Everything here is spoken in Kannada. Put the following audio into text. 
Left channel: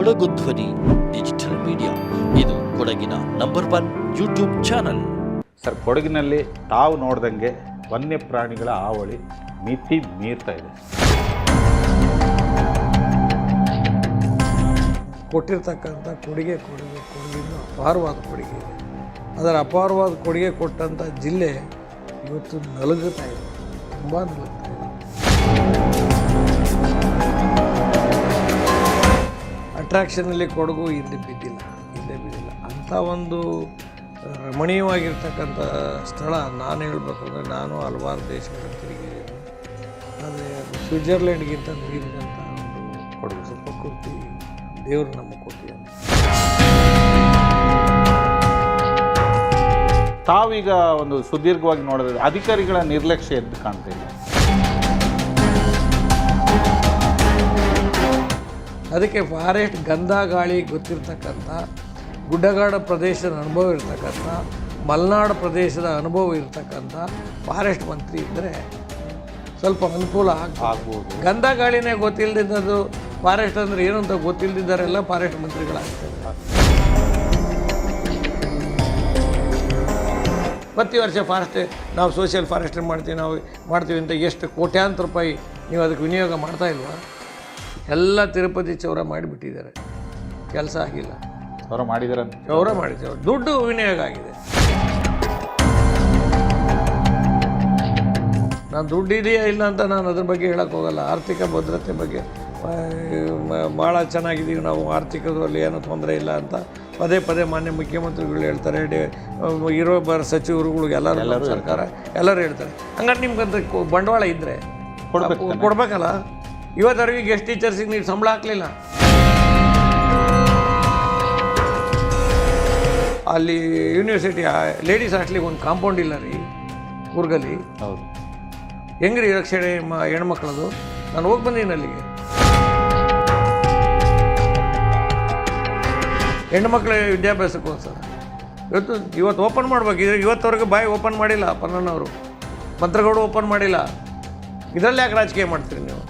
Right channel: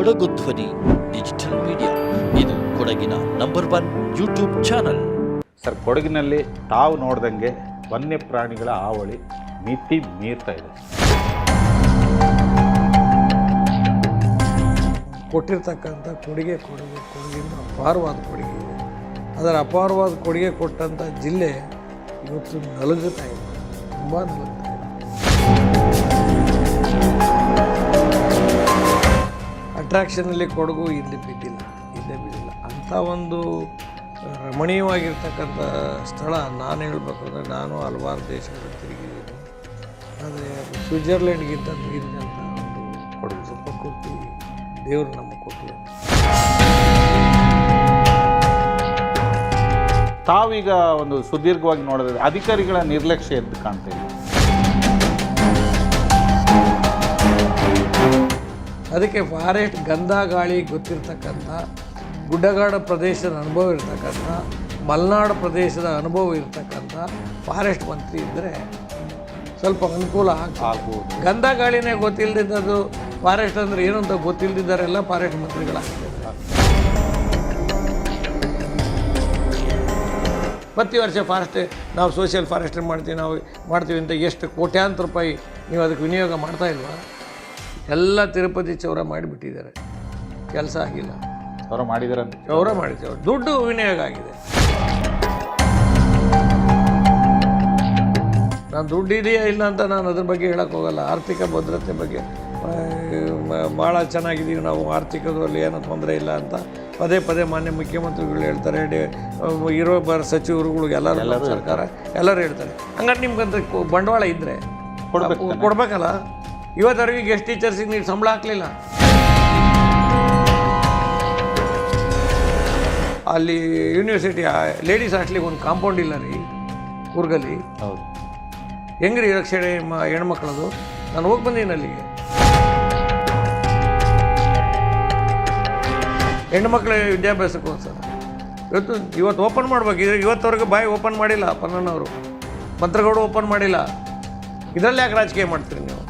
ಕೊಡಗು ಧ್ವನಿ ಡಿಜಿಟಲ್ ಮೀಡಿಯಾ, ಇದು ಕೊಡಗಿನ #1 ಯೂಟ್ಯೂಬ್ ಚಾನಲ್. ಸರ್, ಕೊಡಗಿನಲ್ಲಿ ತಾವು ನೋಡ್ದಂಗೆ ವನ್ಯ ಪ್ರಾಣಿಗಳ ಹಾವಳಿ ಮಿತಿ ಮೀರ್ತಾ ಇದೆ. ಕೊಟ್ಟಿರ್ತಕ್ಕಂಥ ಕೊಡುಗೆಯಿಂದ ಅಪಾರವಾದ ಕೊಡುಗೆ ಇದೆ. ಅದರ ಅಪಾರವಾದ ಕೊಡುಗೆ ಕೊಟ್ಟಂಥ ಜಿಲ್ಲೆ ಇವತ್ತು ನಲುಗುತ್ತಾ ಇದೆ, ತುಂಬ ನಲುಗ್ತಾ ಇದೆ. ಅಟ್ರಾಕ್ಷನಲ್ಲಿ ಕೊಡಗು ಹಿಂದೆ ಬಿದ್ದಿಲ್ಲ. ಅಂಥ ಒಂದು ರಮಣೀಯವಾಗಿರ್ತಕ್ಕಂಥ ಸ್ಥಳ ನಾನು ಹೇಳಬೇಕಂದ್ರೆ, ನಾನು ಹಲವಾರು ದೇಶಗಳನ್ನು ತಿರುಗಿದ್ದೀನಿ. ಆದರೆ ಸ್ವಿಟ್ಜರ್ಲೆಂಡ್ಗಿಂತ ಮೀರಿದಂಥ ಒಂದು ಕೊಡಗು ಪ್ರಕೃತಿ ದೇವರು ನಮಗೆ ಕೊಟ್ಟಿದ್ದಾನೆ. ತಾವೀಗ ಒಂದು ಸುದೀರ್ಘವಾಗಿ ನೋಡಿದ್ರೆ ಅಧಿಕಾರಿಗಳ ನಿರ್ಲಕ್ಷ್ಯ ಎದ್ದು ಕಾಣ್ತಾ ಇಲ್ಲ. ಅದಕ್ಕೆ ಫಾರೆಸ್ಟ್ ಗಂಧ ಗಾಳಿ ಗೊತ್ತಿರ್ತಕ್ಕಂಥ, ಗುಡ್ಡಗಾಡ ಪ್ರದೇಶದ ಅನುಭವ ಇರ್ತಕ್ಕಂಥ, ಮಲೆನಾಡು ಪ್ರದೇಶದ ಅನುಭವ ಇರ್ತಕ್ಕಂಥ ಫಾರೆಸ್ಟ್ ಮಂತ್ರಿ ಇದ್ದರೆ ಸ್ವಲ್ಪ ಅನುಕೂಲ ಆಗ್ಬೋದು. ಗಂಧ ಗಾಳಿನೇ ಗೊತ್ತಿಲ್ಲದಿದ್ದದು ಫಾರೆಸ್ಟ್ ಅಂದರೆ ಏನು ಅಂತ ಗೊತ್ತಿಲ್ಲದಿದ್ದಾರೆಲ್ಲ ಫಾರೆಸ್ಟ್ ಮಂತ್ರಿಗಳಾಗ್ತಾರೆ. ಪ್ರತಿ ವರ್ಷ ಫಾರೆಸ್ಟ್ ನಾವು ಸೋಷಿಯಲ್ ಫಾರೆಸ್ಟ್ರಿ ಮಾಡ್ತೀವಿ ಅಂತ ಎಷ್ಟು ಕೋಟ್ಯಾಂತರ ರೂಪಾಯಿ ನೀವು ಅದಕ್ಕೆ ವಿನಿಯೋಗ ಮಾಡ್ತಾ ಇಲ್ವಾ? ಎಲ್ಲ ತಿರುಪತಿ ಚೌರ ಮಾಡಿಬಿಟ್ಟಿದ್ದಾರೆ, ಕೆಲಸ ಆಗಿಲ್ಲ. ಚೌರ ಮಾಡಿದ್ದಾರೆ, ದುಡ್ಡು ವಿನಿಯೋಗ ಆಗಿದೆ. ನಾನು ದುಡ್ಡು ಇದೆಯಾ ಇಲ್ಲ ಅಂತ ನಾನು ಅದ್ರ ಬಗ್ಗೆ ಹೇಳಕ್ಕೆ ಹೋಗಲ್ಲ. ಆರ್ಥಿಕ ಭದ್ರತೆ ಬಗ್ಗೆ ಭಾಳ ಚೆನ್ನಾಗಿದ್ದೀವಿ ನಾವು, ಆರ್ಥಿಕದಲ್ಲಿ ಏನೂ ತೊಂದರೆ ಇಲ್ಲ ಅಂತ ಪದೇ ಮಾನ್ಯ ಮುಖ್ಯಮಂತ್ರಿಗಳು ಹೇಳ್ತಾರೆ, ಇರೋ ಸಚಿವರುಗಳು ಎಲ್ಲರೂ ಸರ್ಕಾರ ಎಲ್ಲರೂ ಹೇಳ್ತಾರೆ. ಹಂಗಾರೆ ನಿಮ್ಗಂತ ಬಂಡವಾಳ ಇದ್ದರೆ ಕೊಡ್ಬೇಕಲ್ಲ. ಇವತ್ತವರೆಗೆ ಗೆಸ್ಟ್ ಟೀಚರ್ಸಿಗೆ ನೀವು ಸಂಬಳ ಹಾಕಲಿಲ್ಲ. ಅಲ್ಲಿ ಯೂನಿವರ್ಸಿಟಿ ಲೇಡೀಸ್ ಹಾಸ್ಟ್ಲಿಗೆ ಒಂದು ಕಾಂಪೌಂಡ್ ಇಲ್ಲ ರೀ ಕೂರ್ಗಲ್ಲಿ. ಹೌದು, ಹೆಂಗ್ರಿ ರಕ್ಷಣೆ ಹೆಣ್ಮಕ್ಳದು? ನಾನು ಹೋಗಿ ಬಂದೀನಿ ಅಲ್ಲಿಗೆ. ಹೆಣ್ಮಕ್ಳ ವಿದ್ಯಾಭ್ಯಾಸಕ್ಕೋಸ್ಕರ ಇವತ್ತು ಓಪನ್ ಮಾಡ್ಬೇಕಿದ್ರೆ ಇವತ್ತವರೆಗೆ ಬಾಯಿ ಓಪನ್ ಮಾಡಿಲ್ಲ ಪನ್ನಣ್ಣವರು, ಮಂತ್ರಗೌಡ ಓಪನ್ ಮಾಡಿಲ್ಲ. ಇದರಲ್ಲಿ ಯಾಕೆ ರಾಜಕೀಯ ಮಾಡ್ತೀರಿ ನೀವು?